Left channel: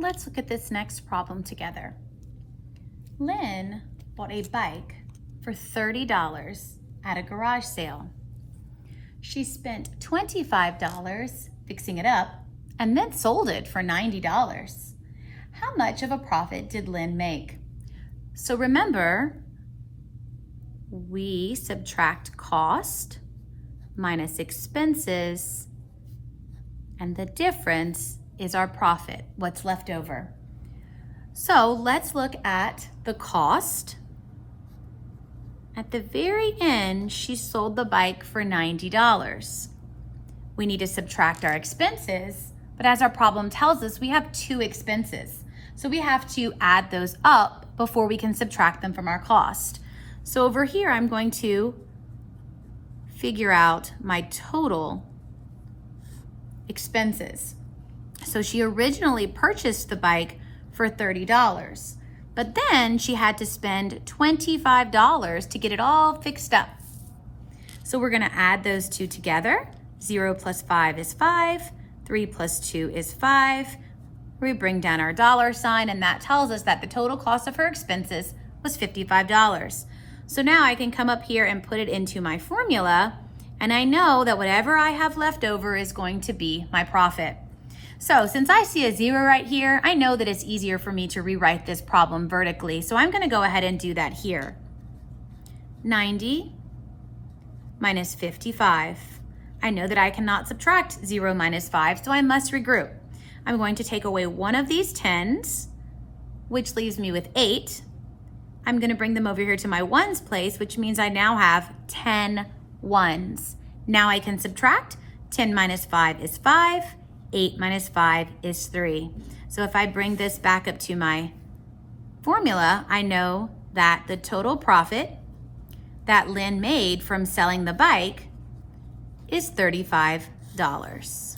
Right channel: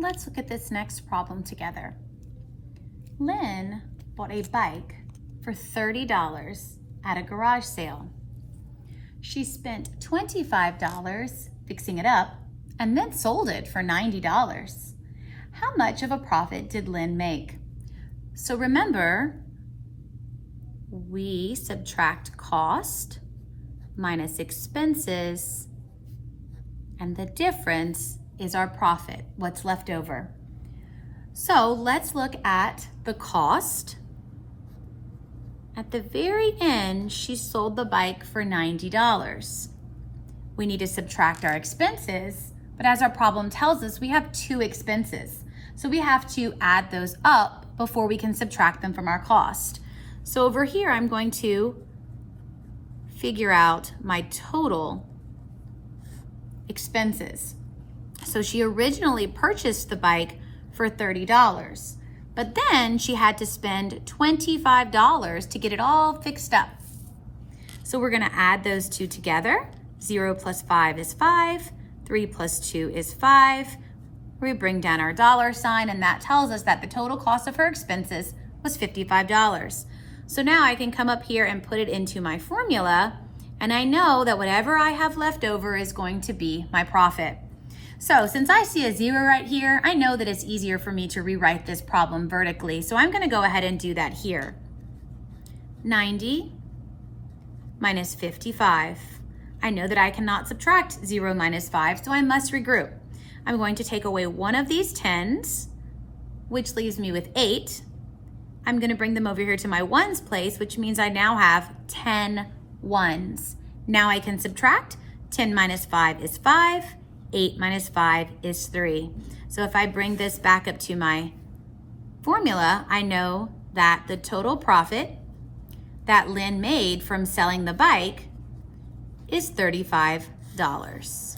Let's look at this next problem together. Lynn bought a bike for $30 at a garage sale. She spent $25 fixing it up and then sold it for $90. How much of a profit did Lynn make? So remember, we subtract cost minus expenses, and the difference is our profit, what's left over. So let's look at the cost. At the very end, she sold the bike for $90. We need to subtract our expenses, but as our problem tells us, we have two expenses. So we have to add those up before we can subtract them from our cost. So over here, I'm going to figure out my total expenses. So she originally purchased the bike for $30, but then she had to spend $25 to get it all fixed up. So we're gonna add those two together. 0 plus 5 is 5, 3 plus 2 is 5. We bring down our dollar sign, and that tells us that the total cost of her expenses was $55. So now I can come up here and put it into my formula, and I know that whatever I have left over is going to be my profit. So since I see a 0 right here, I know that it's easier for me to rewrite this problem vertically. So I'm gonna go ahead and do that here. 90 minus 55. I know that I cannot subtract 0 minus 5, so I must regroup. I'm going to take away one of these 10s, which leaves me with 8. I'm gonna bring them over here to my ones place, which means I now have 10 ones. Now I can subtract. 10 minus 5 is 5. 8 minus 5 is 3. So if I bring this back up to my formula, I know that the total profit that Lynn made from selling the bike is $35.